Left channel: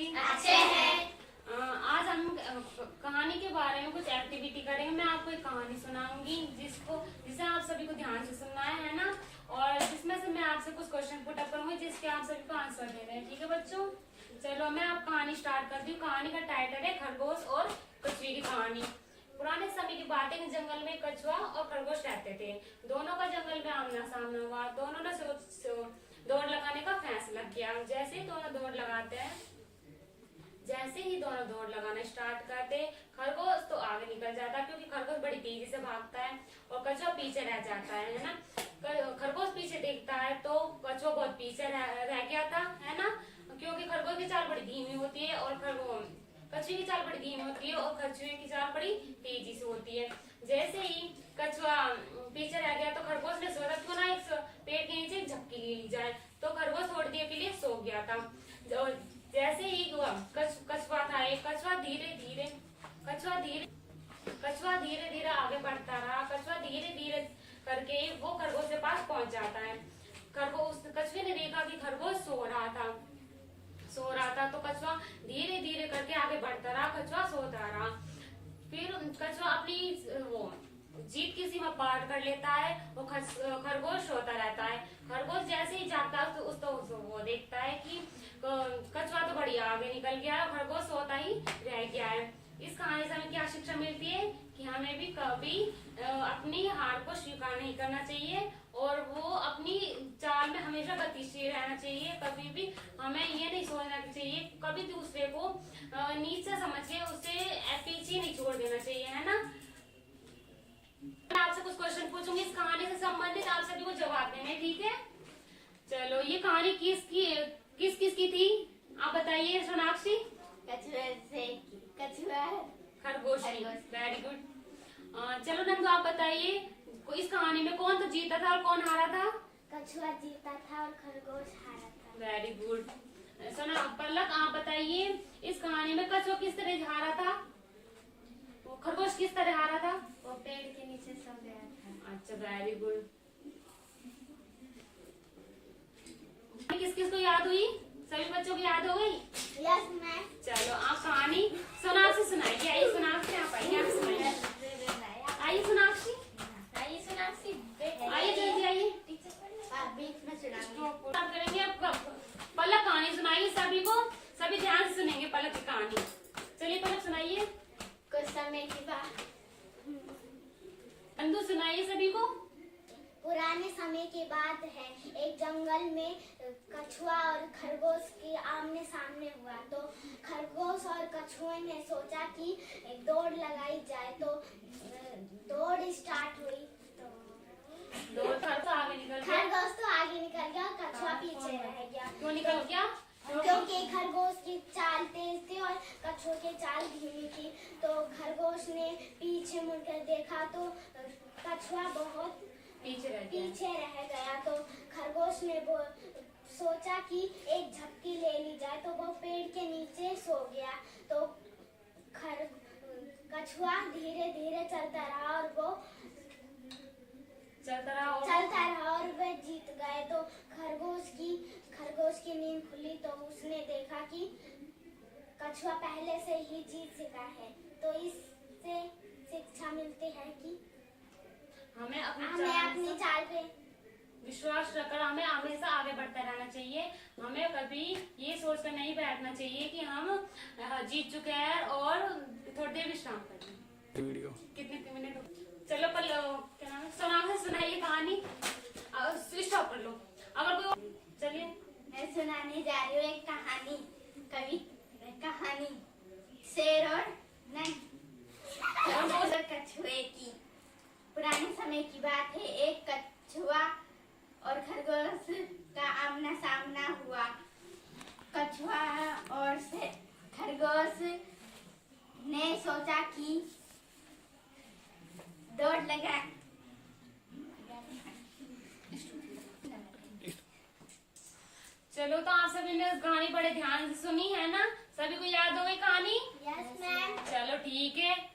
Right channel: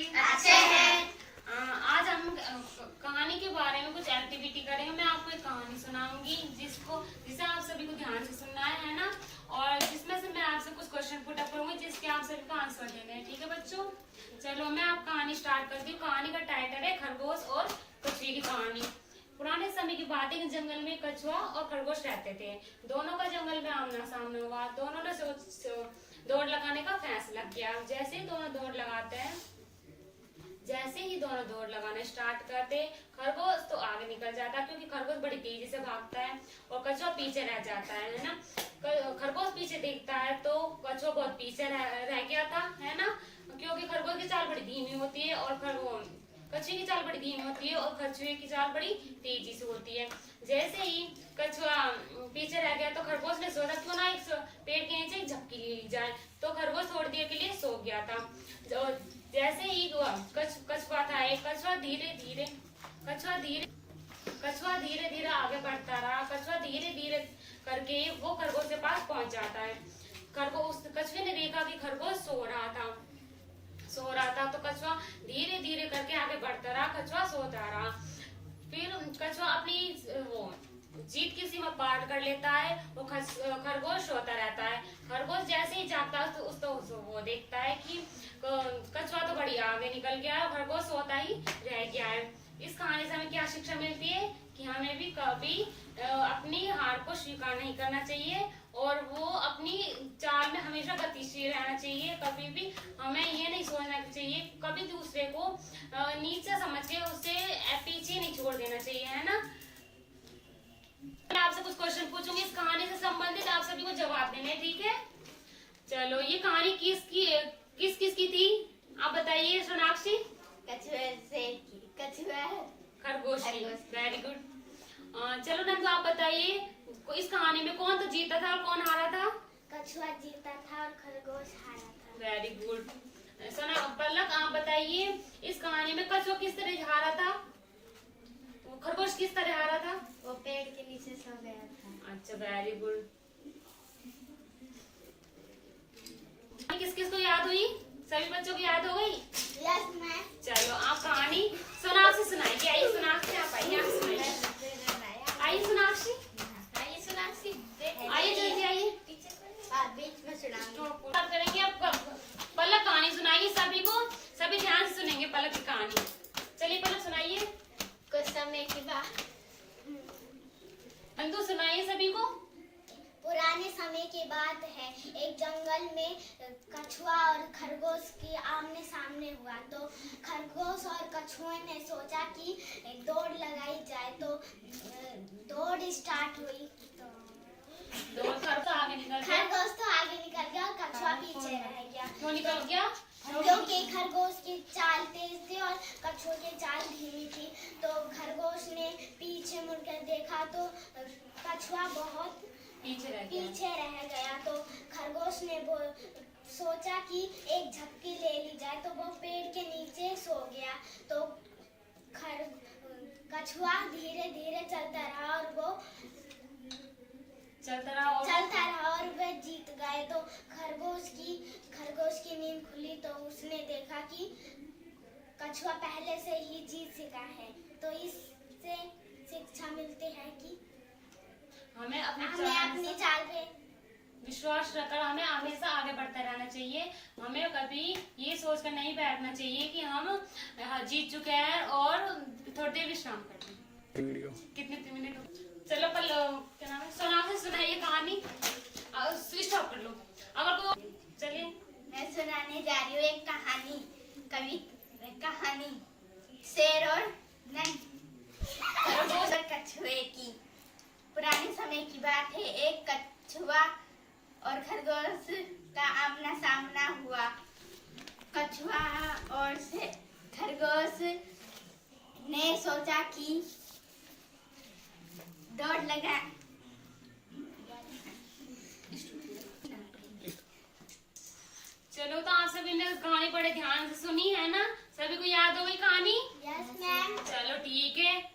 अच्छे हैं। आज हम कहानी के बारे में कुछ एक्टिविटी करेंगे। मैं आपको एक कहानी सुनाऊंगी जिसे आप सभी को ध्यान से सुनना है ना, और जिसमें से मैं आपसे कुछ क्वेश्चन पुट अप करूंगी जिसके आप सभी को आंसर देने हैं। ठीक है बच्चों, चलो मैं आप कहानी स्टार्ट करती हूँ। कहानी का टाइटल है खरगोश और कछुए की कहानी। पुराने समय की बात है कि जंगल में कछुआ और खरगोश रहते थे। दोनों का जंगल में आमना सामना हुआ। दोनों ने दौड़ लगाने का फैसला किया। जैसे ही दोनों दौड़ लगाना स्टार्ट करते, खरगोश तो आगे निकल जाता क्योंकि खरगोश बड़ी तेजी से भागता है और कछुआ पीछे रह जाता है ना। खरगोश पीछे देखता है तो कछुआ बहुत पीछे रह गया था, है ना, क्योंकि खरगोश की चाल बड़ी धीमी होती है और कछुए की चाल बड़ी धीमी होती है और कछुए की चाल बड़ी तेजी से होती है। जैसे ही कछुआ पीछे रह गया तो खरगोश ने सोचा क्यों ना एक पेड़ के नीचे झपकी ले ली जाए, तो खरगोश थोड़ी देर के लिए सो गया था। जैसे ही कछुआ था, कछुआ धीरे धीरे आगे बढ़ता रहा। कछुआ धीरे धीरे करके वो खरगोश के पास पहुंच जाता है। कछुए ने देखा कि खरगोश सो रहा था तो कछुआ धीरे धीरे करके आगे बढ़ता रहा। कछुआ सोता रहा। फिर कछुआ अपनी जीत की सीमा पार कर लेता है। वो खरगोश सोता रहता है। खरगोश जैसे ही जागता है तो वो देखता है कि कछुआ तो बड़ी आगे निकल गया है, खरगोश सोता ही रह गया है। इस कहानी से हमें क्या शिक्षा मिलती है कि हमें भी कभी अपनी हार को स्वीकार नहीं करना चाहिए और वो अपनी चाल में हमेशा गतिशील रहना चाहिए। कभी भी हमें ये नहीं सोचना चाहिए, कभी दूसरे को नीचे समझ के उसे पीछे नहीं छोड़ देना चाहिए, है ना। मैं आपसे कुछ क्वेश्चन पूछूंगी इस कहानी से संबंधित, आप सभी को जवाब देने, ठीक है। चलो ये कहानी किस की थी आप बताइए सोनाक्षी। कछुआ खरगोश की। Very good. चलो नंदू आप बताइए इस कहानी में कौन तो जीता था और कौन हारा था। कछुआ जीता था और खरगोश हारा था। Very good. सोना पलक आप बताइए इस कहानी में कछुआ किस तरह हारा था, खरगोश किस तरह हारा था। वो पेड़ के नीचे सो गया था। अच्छा वेरी गुड। किस किस को याद हुई, सभी बच्चों की याद हो गई। Yes ma'am. चलो आप कहानी सोनाक्षी सुनाइए। आइए सोनाक्षी आप आइए, आप सुनाइए। आइए सोनाक्षी, आइए जल्दी आइए। बीच में सुना करेंगे आप। पलक कहानी सुनाइए सभी को, सभी ध्यान से सुनेंगे पलक की कहानी। चलिए पलक सुनाइए। कुछ समय की बात, अंदू सुनाइए सभी को। पुराने समय की बात है। एक जंगल में कछुआ और खरगोश के आमने सामने हुआ। तो खरगोश और कछुए ने सोचा कि दौड़ लगाई जाए। तो दौड़ स्टार्ट हुई। तो खरगोश तो आगे निकल गया और कछुआ पीछे रह गया। क्यों निकल गया? क्योंकि खरगोश की चाल तेज थी और कछुए की चाल धीमी थी। तो खरगोश ने पीछे मुड़कर देखा तो कछुआ बहुत पीछे रह गया। तो खरगोश ने सोचा कि एक झपकी ले ली जाए, तो वो पेड़ के नीचे सो गया। तो कछुआ धीरे धीरे चलता रहा और वे जीत गए। तो खरगोश की नींद खुली तो उसने देखा कि कछुआ पहले से ही जीत चुका है। तो इससे शिक्षा मिलती है कि हमें अपनी चाल पे विश्वास रखकर हमें हमेशा आगे बढ़ते रहना चाहिए। हमें कभी ये सोचकर नहीं बैठना चाहिए कि हम जीत चुके हैं और थोड़ी देर विश्राम करें। वीडियो कितने मिनट? चलो क्या नाम है, सोनाक्षी सुनाइए कहानी। स्विच ऑफ कर लो अगर कोई। चलिए मैं सुनाने जा रही हूँ एक कहानी शेर और कछुए की। पुराने समय की बात है। एक कछुआ और खरगोश का आमना सामना हुआ। कछुआ और खरगोश ने सोचा कि दौड़ लगा। चलो तो आप सभी ने कहानी बड़े ध्यान से सुनी है ना, सभी को याद हो गई कहानी। Yes ma'am. चलो ठीक है।